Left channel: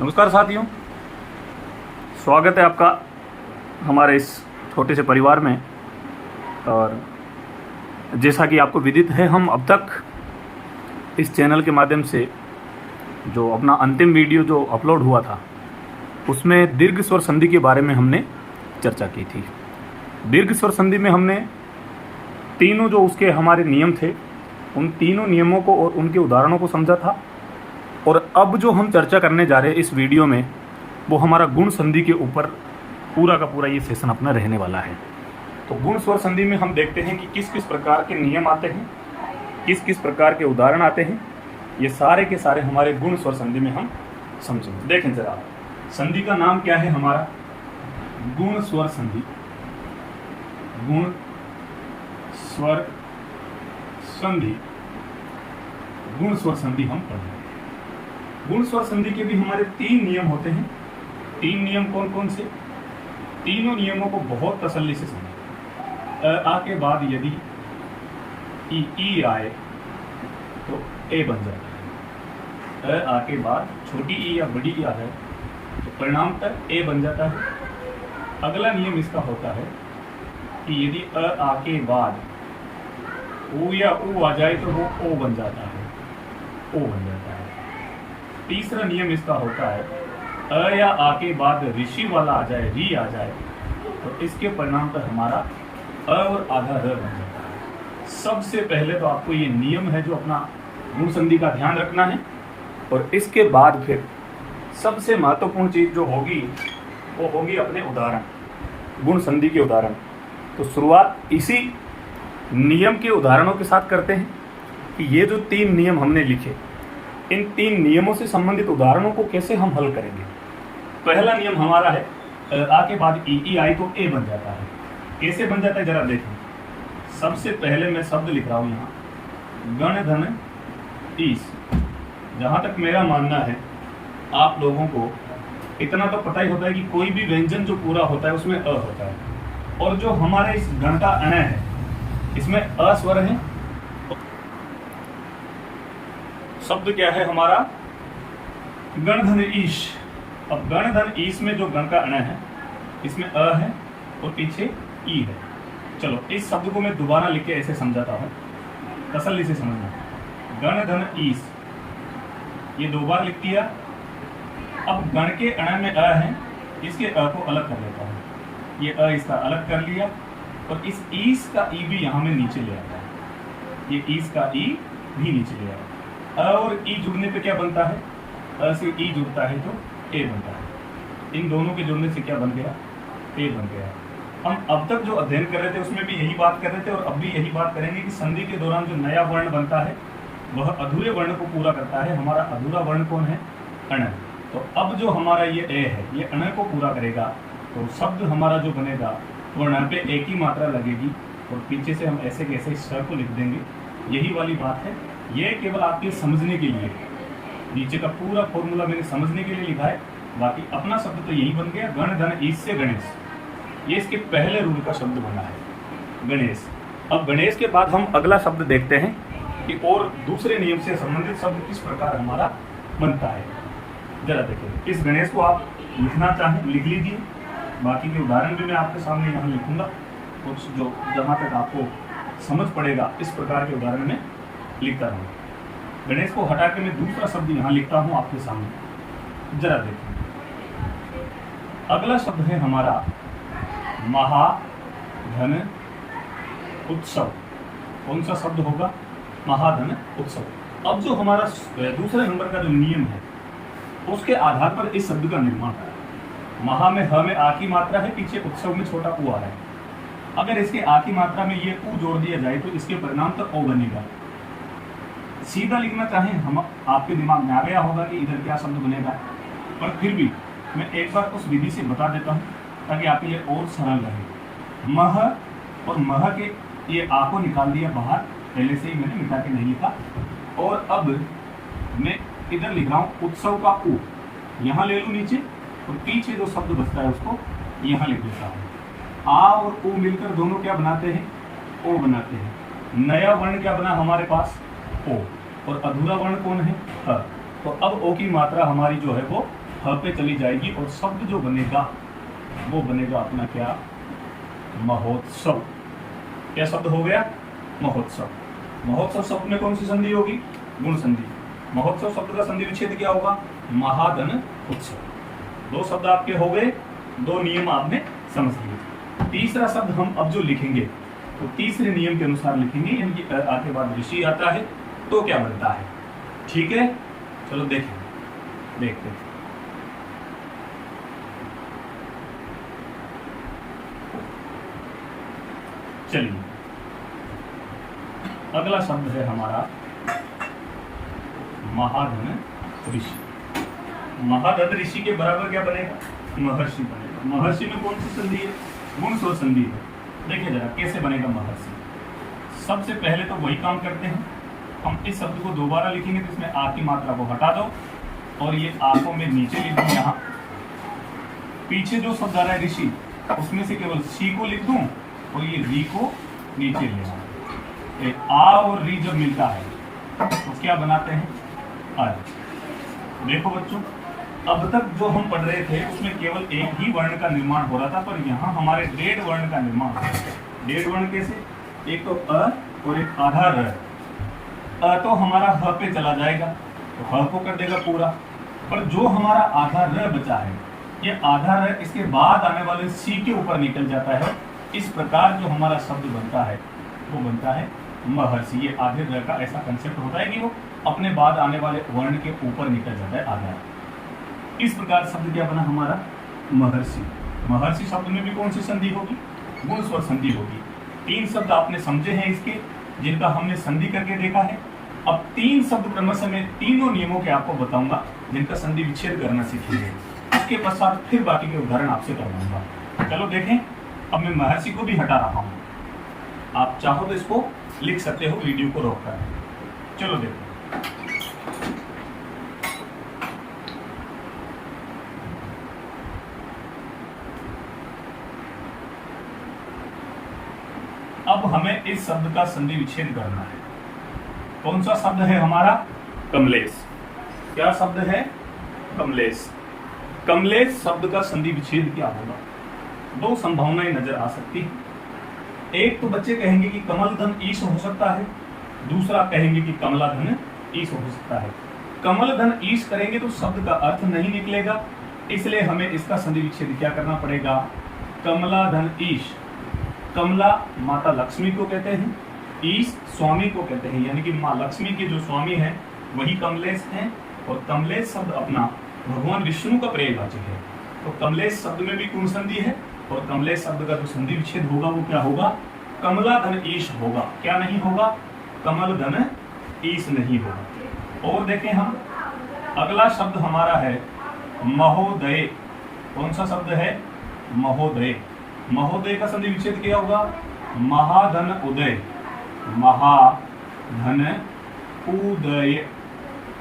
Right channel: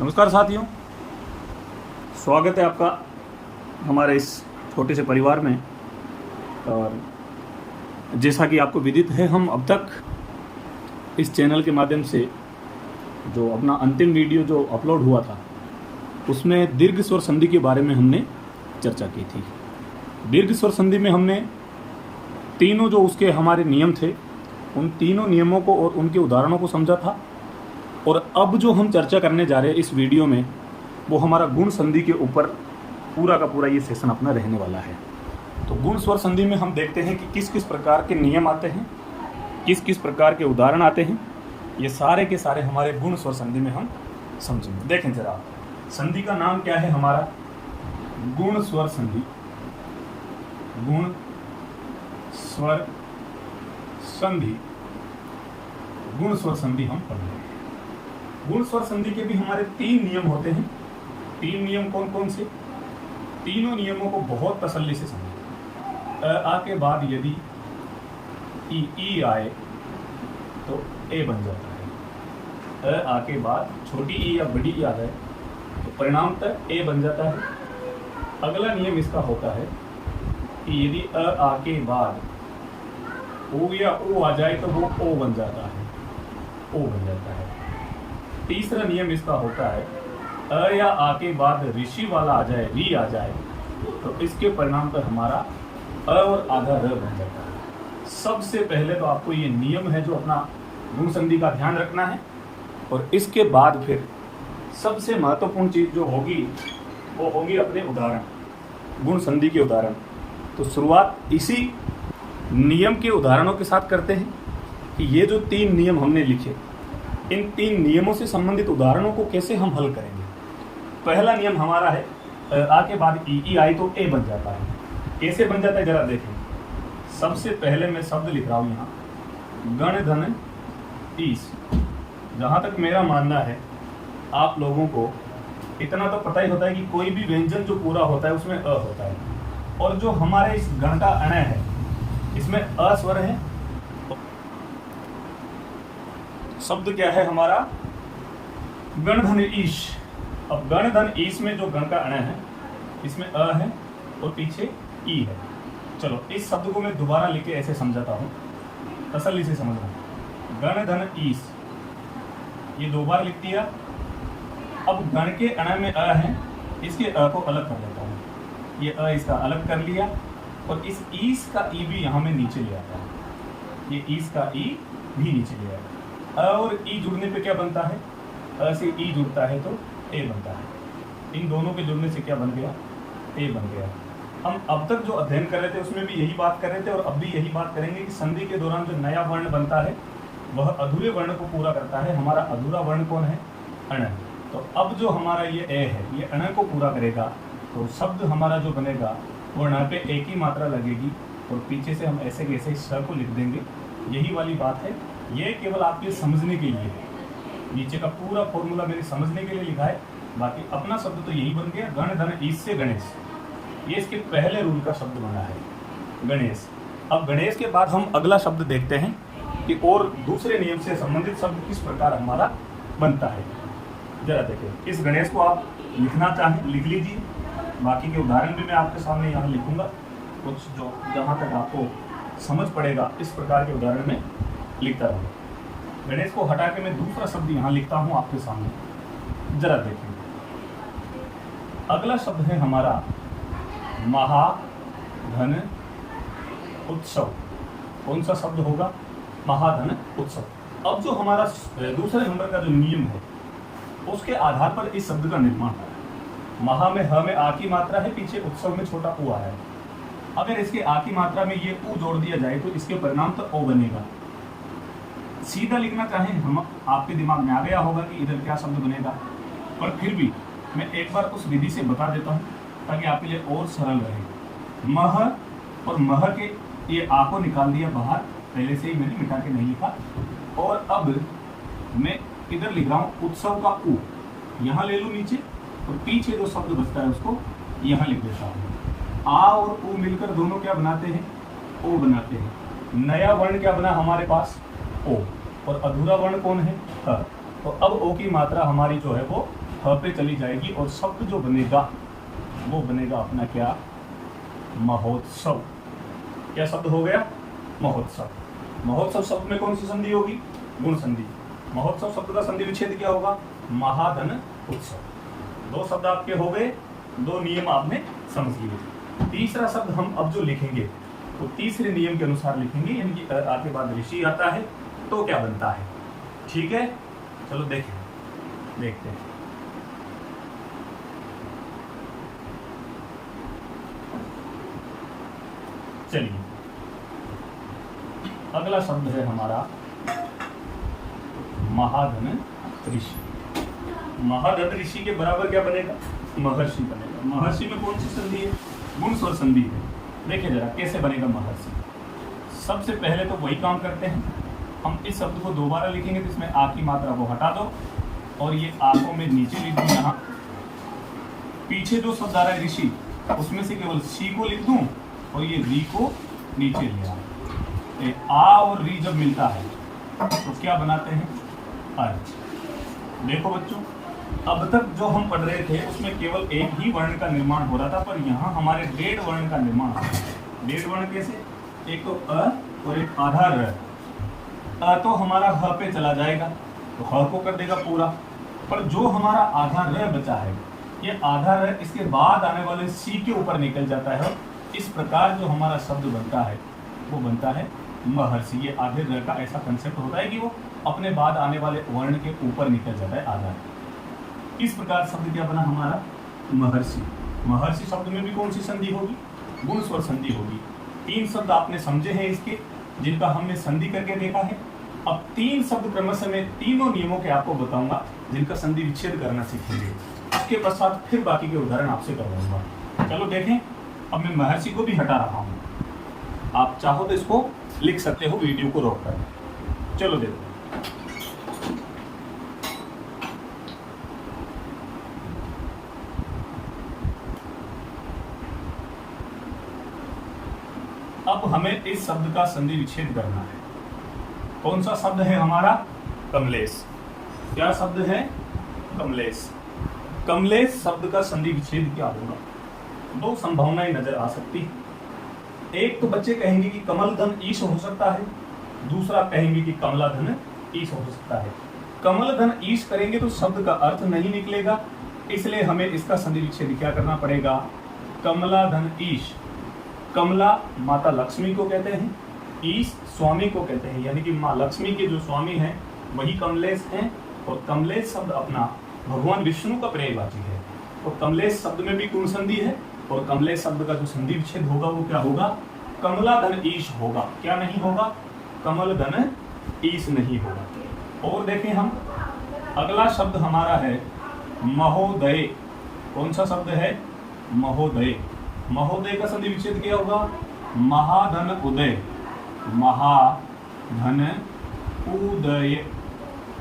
नमस्कार साथियों, स्वागत है आपका हमारे इस छोटे से परिवार में। और जैसा कि आपको विदित है, हम अब तक इस चैनल के माध्यम से जो अपना अंतिम वीडियो जो अपलोड हुआ था उसमें दीर्घ स्वर संधि के बारे में हमने चर्चा की थी। दीर्घ स्वर संधि में हमने तीनों जो उसके हमारे नियम थे उन तीनों नियमों को और उनके उदाहरणों को समझा था। और अब जो हम चर्चा करने जा रहे हैं इस वीडियो में वो हमारा गुण संधि के ऊपर पूरा का पूरा ये सेशन अपना रहने वाला है। तो गुण स्वर संधि में हम देखते हैं कि किस किस प्रकार के नियम आते हैं, किस किस प्रकार के उदाहरण आते हैं। ये सारे के सारे हमारे गुण स्वर संधि में हम समझेंगे। देखें जरा, संधि का नाम क्या है हमारा? गुण स्वर संधि। गुण स्वर संधि, गुण स्वर संधि हम पढ़ेंगे। गुण स्वर संधि के भी हमारे तीन नियम होते हैं। तीन नियम कौन कौन से? तीनों नियमों को बहुत तसल्ली से समझें। आ के बाद यदि ई आए तो ए बन जाता है। आ के बाद छोटी ई या बड़ी ई आ जाए तो परिणाम तक ए बन जाता है। अगला नियम इसका होता है कि यदि आ के बाद ओ या ओ आ जाए तो वो ओ बन जाता है, ओ बन जाता है। तीसरा नियम इसका होता है अ या आ के बाद ऋषि वाला आ जाए, री आ जाए तो इसके परिणाम पर हमारा अ और आधा र बन जाता है। सबसे पहले तो आपको ये नियम है जो अपना गुण संधि का ध्यान रखना है। और इसके बाद फिर सबसे महत्वपूर्ण चीज जो होगी वो होगी अपने उदाहरण, गुण संधि के उदाहरण। तो शुरुआत इसी नियम के उदाहरणों के साथ करते हैं कि ये जो तीन नियम हमने लिखे, इन तीन नियमों से संबंधित उदाहरणों को कैसे हम हल करेंगे। पहला नियम हमारा है आ के बाद ई आई तो ए बन जाता है। कैसे बन जाता है जरा देखें। सबसे पहले मैं शब्द लिख रहा हूं यहाँ, गण धन ईस। जहां तक मेरा मानना है आप लोगों को इतना तो पता ही होता है कि कोई भी व्यंजन जो पूरा होता है उसमें अ होता है। और जो हमारे इस गण का अण है इसमें अ स्वर है। शब्द क्या है हमारा? गण धन ईश। अब गण धन ईश में जो गण का अण है इसमें अ है और पीछे ई है। चलो इस शब्द को मैं दोबारा लिख के ऐसे समझाता हूं, तसल्ली से समझना। गण धन ईश, ये दो बार लिख दिया। अब गण के अण में अ है, इसके अ को अलग कर लेता हूं। ये अ इसका अलग कर लिया और इस ईश का ई भी यहां में नीचे ले आता है। ये ईश का ई भी नीचे ले आता है। अ और ई जुड़ने पे क्या बनता है? अ से ई जुड़ता है तो ए बनता है। इन दोनों के जुड़ने से क्या बन गया? ए बन गया। हम अब तक जो अध्ययन कर रहे थे उसमें भी यही बात कर रहे थे और अब भी यही बात करेंगे कि संधि के दौरान जो नया वर्ण बनता है वह अधूरे वर्ण को पूरा करता है। हमारा अधूरा वर्ण कौन है? अण। तो अब जो हमारा ये ए है ये अण को पूरा करेगा तो शब्द हमारा जो बनेगा वो अण पे एक ही मात्रा लगेगी और पीछे से हम ऐसे कैसे स को लिख देंगे। यही वाली बात है। ये केवल आपके समझने के लिए, नीचे का पूरा फॉर्मूला मैंने समझने के लिए लिखा है। बाकी अपना शब्द तो यही बन गया, गण धन ईश से गणेश। ये इसके पहले रूल का शब्द बना है, गणेश। अब गणेश के बाद हम अगला शब्द देखते हैं कि और दूसरे नियम से संबंधित शब्द किस प्रकार हमारा बनता है। जरा देखिए, इस गणेश को आप लिखना चाहें लिख लीजिए। बाकी के उदाहरण भी मैं आपके सामने यहाँ लिखूंगा। कुछ जो जहाँ तक आपको समझ पड़ेगा इस प्रकार के उदाहरण में लिखता हूँ। गणेश को हटा के मैं दूसरा शब्द यहाँ लिखता हूँ आपके सामने। जरा देखिए, अगला शब्द है हमारा महाधन उत्सव। कौन सा शब्द होगा? महाधन उत्सव। अब जो हमारा दूसरे नंबर का जो नियम है उसके आधार पर इस शब्द का निर्माण है। महा में ह में आ की मात्रा है, पीछे उत्सव में छोटा उ आ है। अगर इसके आ की मात्रा में ये उ जोड़ दिया जाए तो इसके परिणाम तो ओ बनेगा। सीधा लिखना चाहें हम, आपके दिमाग में आ गया होगा कि इधर क्या शब्द बनेगा, पर फिर भी मैं एक बार उस विधि से बता देता हूं ताकि आपके लिए और सरल रहे। मह और मह के ये आ को निकाल दिया बाहर, पहले से ही मैंने मिटा के नहीं लिखा। और अब मैं इधर लिख रहा हूं उत्सव का उ, यहाँ ले लूँ नीचे और पीछे जो शब्द बचता है उसको यहाँ लिख देता हूँ। आ और उ मिलकर दोनों क्या बनाते हैं? ओ बनाते हैं। नया वर्ण क्या बना हमारे पास? ओ। और अधूरा वर्ण कौन है? ह। तो अब ओ की मात्रा हमारी जो है वो ह पे चली जाएगी और शब्द जो बनेगा वो बनेगा अपना क्या, महोत्सव। क्या शब्द हो गया, महोत्सव। महोत्सव शब्द में कौन सी संधि होगी, गुण संधि। महोत्सव शब्द का संधि विच्छेद क्या होगा, महाधन उत्सव। दो शब्द आपके हो गए, दो नियम आपने समझ लिए। तीसरा शब्द हम अब जो लिखेंगे तो तीसरे नियम के अनुसार लिखेंगे, इनकी आगे बाद ऋषि आता है तो क्या बनता है। ठीक है, चलो देखते हैं। चलिए, अगला शब्द है हमारा महाधन ऋषि। महाधन ऋषि के बराबर क्या बनेगा, महर्षि बनेगा। महर्षि में कौन सी संधि है, गुण स्वर संधि है। देखिए जरा कैसे बनेगा महर्षि। सबसे पहले तो वही काम करते हैं, हम इस शब्द को दोबारा लिखेंगे तो इसमें आ की मात्रा को हटा दो और ये आ को मैं नीचे लिख दूं। यहाँ पीछे जो शब्द आ रहा है ऋषि, उसमें से केवल सी को लिख दूं और ये री को नीचे ले आऊं। आ और री जब मिलता है तो क्या बनाते हैं, आ। देखो बच्चों, अब तक जो हम पढ़ रहे थे उसमें केवल एक ही वर्ण का निर्माण हो रहा था, पर यहाँ हमारे 1.5 वर्ण का निर्माण हो रहा है। 1.5 वर्ण कैसे, एक तो अ और एक आधा र। अ तो हमारा ह पे चला जाएगा तो ह को कर देगा पूरा, पर जो हमारा आधा र बचा है, ये आधा र इसके बाद आने वाले सी के ऊपर निकल जाता है। इस प्रकार जो हमारा शब्द बनता है वो बनता है महर्षि। ये आधे र का ऐसा कंसेप्ट होता है कि वो अपने बाद आने वाले वर्ण के ऊपर निकल जाता है आधा। इस प्रकार शब्द क्या बना हमारा, महर्षि। महर्षि शब्द में भी कौन सी संधि होगी, गुण स्वर संधि होगी। 3 शब्द आपने समझे हैं इसके, जिनका हमने संधि करके देखा है। अब 3 शब्द क्रमशः मैं तीनों नियमों के आपको बताऊंगा, जिनका संधि विच्छेद करना सीखेंगे। इसके पश्चात फिर बाकी के उदाहरण आपसे करवाऊंगा। चलो देखें, अब मैं महर्षि को भी हटा रहा हूं। आप चाहो तो इसको लिख सकते हो वीडियो को रोककर। चलो देखो, अब हमें इस शब्द का संधि विच्छेद करना है। कौन सा शब्द है हमारा, कमलेश। क्या शब्द है, कमलेश। कमलेश शब्द का संधि विच्छेद क्या होगा, 2 संभावनाएं नजर आ सकती है। एक तो बच्चे कहेंगे कि कमल धन ईश हो सकता है, दूसरा कहेंगे कि कमला धन ईश हो सकता है। कमल धन ईश करेंगे तो शब्द का अर्थ नहीं निकलेगा, इसलिए हमें इसका संधि विच्छेद क्या करना पड़ेगा, कमला धन ईश। कमला माता लक्ष्मी को कहते हैं, ईश स्वामी को कहते हैं, यानी कि माँ लक्ष्मी के जो स्वामी हैं वही कमलेश हैं। और कमलेश शब्द अपना भगवान विष्णु का पर्यायवाची है। तो कमलेश शब्द में भी गुण संधि है और कमलेश शब्द का जो संधि विच्छेद होगा वो क्या होगा, कमला धन ईश होगा। क्या नहीं होगा, कमल धन ईश नहीं होगा। और देखें हम, अगला शब्द हमारा है महोदय। कौन सा शब्द है, महोदय। महोदय का संधि विच्छेद क्या होगा, महाधन उदय। महाधन उदय,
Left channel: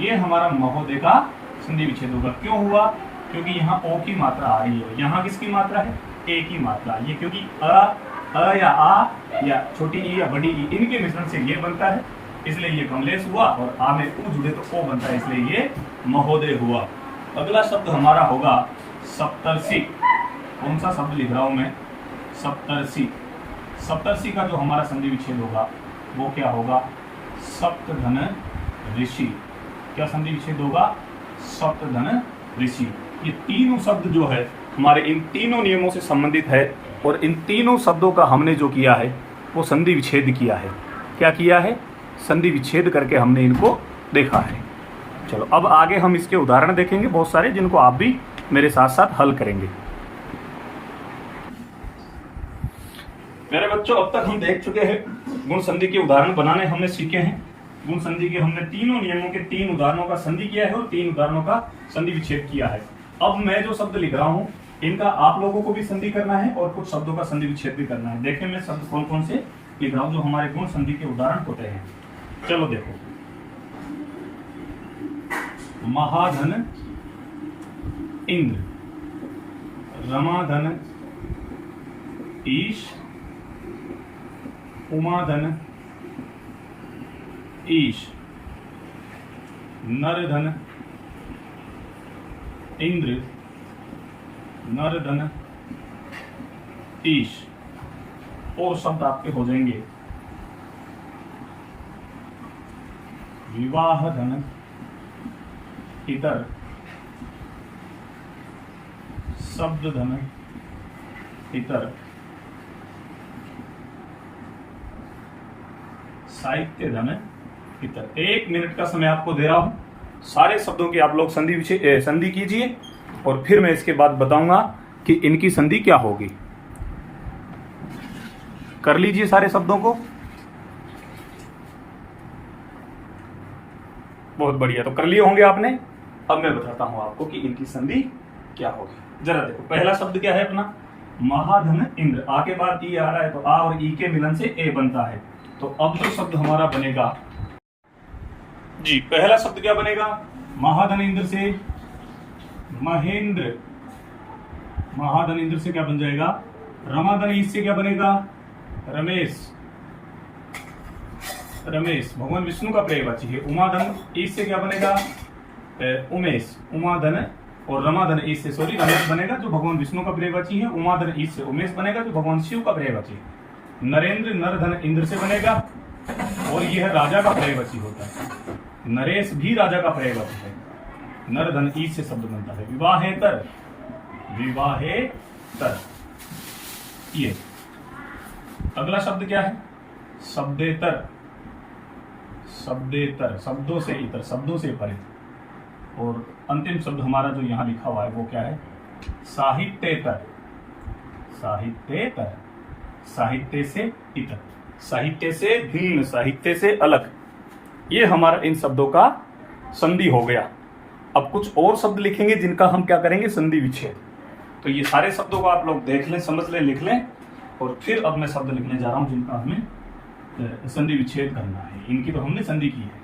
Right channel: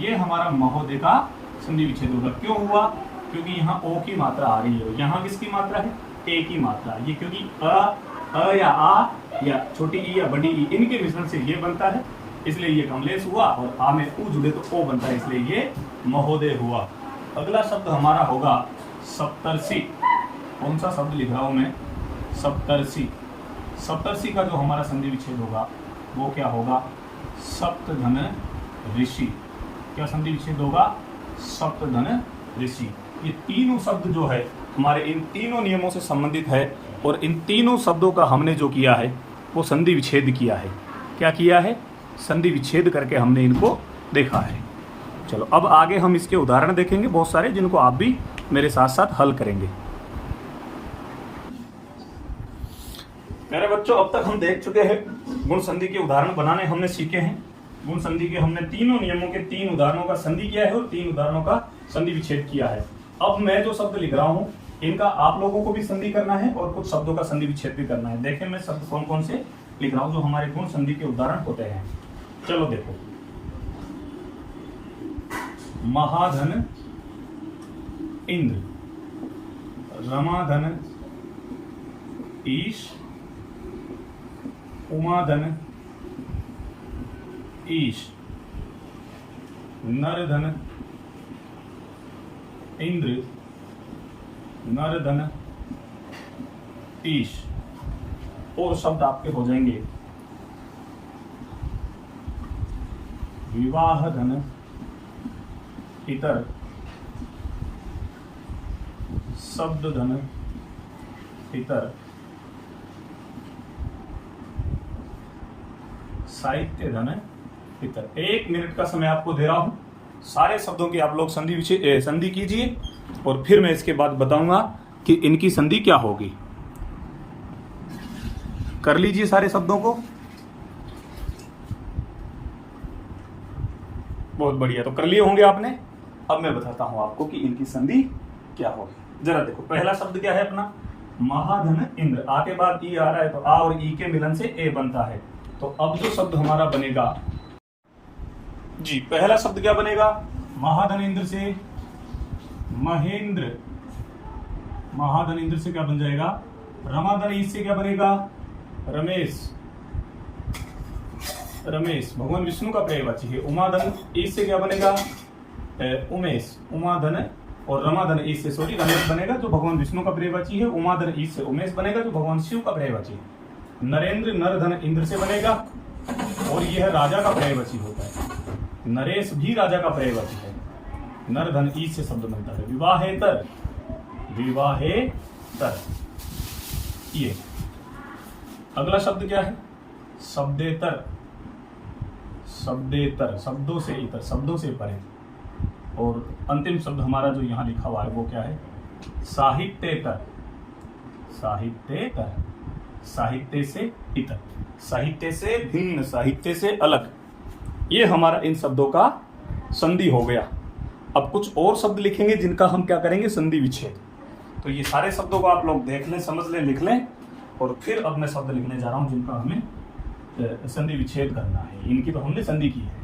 ये हमारा महोदय का संधि विच्छेद होगा। क्यों हुआ, क्योंकि यहाँ ओ की मात्रा आ रही है, यहाँ किसकी मात्रा है, ए की मात्रा। ये क्योंकि अ या आ या छोटी ई या बड़ी ई, इनके मिश्रण से ये बनता है, इसलिए ये कमलेश हुआ। और आ में ऊ जुड़े तो ओ बनता है, इसलिए ये महोदय हुआ। अगला शब्द हमारा होगा सप्तर्षि। कौन सा शब्द लिख रहा हूं मैं, सप्तर्षि। सप्तर्षि का जो हमारा संधि विच्छेद होगा वो क्या होगा, सप्तधन ऋषि। क्या संधि विच्छेद होगा, सप्तधन ऋषि। ये तीनों शब्द जो है हमारे इन तीनों नियमों से संबंधित है और इन तीनों शब्दों का हमने जो किया है वो संधि विच्छेद किया है। क्या किया है, संधि विच्छेद करके हमने इनको देखा है। चलो अब आगे हम इसके उदाहरण देखेंगे बहुत सारे, जिनको आप भी मेरे साथ साथ हल करेंगे। मेरे बच्चों, अब तक हम देख चुके हैं गुण संधि के उदाहरण बनाने हमने सीखे हैं। गुण संधि के हमने तीनों नियमों के 3 उदाहरणों का संधि किया है और 3 उदाहरणों का संधि विच्छेद किया है। अब मैं जो शब्द लिख रहा हूं इनका आप लोगों को भी संधि करना है और कुछ शब्दों का संधि विच्छेद भी करना है। देखें मैं शब्द कौन कौन से लिख रहा हूं जो हमारे गुण संधि के उदाहरण होते हैं। चलो देखो, महाधन इंद्र, रमाधन ईश, उमाधन ईश, नरधन इंद्र नर धन ईश, और शब्द आपके हो जाएंगे विवाह धन इतर, शब्द धन इतर, साहित्य धन इतर। 1 मिनट का समय आपको दे रहा हूं, सारे शब्दों की आप लोग संधि कीजिए और फिर मैं इसके बाद बताऊंगा कि इनकी संधि क्या होगी। कर लीजिए सारे शब्दों को। बहुत बढ़िया, तो कर लिए होंगे आपने। अब मैं बताता हूं आपको कि इनकी संधि क्या होगी। जरा देखो, पहला शब्द क्या है अपना, महाधन इंद्र। आ के बाद ई आ रहा है तो आ और ई के मिलन से ए बनता है। तो अब जो शब्द हमारा बनेगा जी, पहला शब्द क्या बनेगा, महाधन इंद्र से महेंद्र, महाधन इंद्र से क्या बन जाएगा, रमाधन ईश से क्या बनेगा, रमेश, रमेश भगवान विष्णु का पर्यायवाची है। उमाधन ईश से क्या बनेगा, उमेश, उमाधन, और रमाधन ईश से सॉरी रमेश बनेगा जो भगवान विष्णु का पर्यायवाची है। उमाधन ईश से उमेश बनेगा जो भगवान शिव का पर्यायवाची है। नरेंद्र नरधन इंद्र से बनेगा और यह राजा का पर्यायवाची होता है। नरेश भी राजा का पर्यायवाची है। नरधन ईश से शब्द बनता है। विवाहेतर, विवाहेतर। ये अगला शब्द क्या है, शब्देतर, शब्देतर, शब्दों से इतर, शब्दों से परे। और अंतिम शब्द हमारा जो यहां लिखा हुआ है वो क्या है, साहित्येतर, साहित्येतर, साहित्य से इतर, साहित्य से भिन्न, साहित्य से अलग। ये हमारा इन शब्दों का संधि हो गया। अब कुछ और शब्द लिखेंगे जिनका हम क्या करेंगे, संधि विच्छेद। तो ये सारे शब्दों को आप लोग देख लें, समझ लें, लिख लें, और फिर अब मैं शब्द लिखने जा रहा हूं जिनका हमें संधि विच्छेद करना है। इनकी तो हमने संधि की है।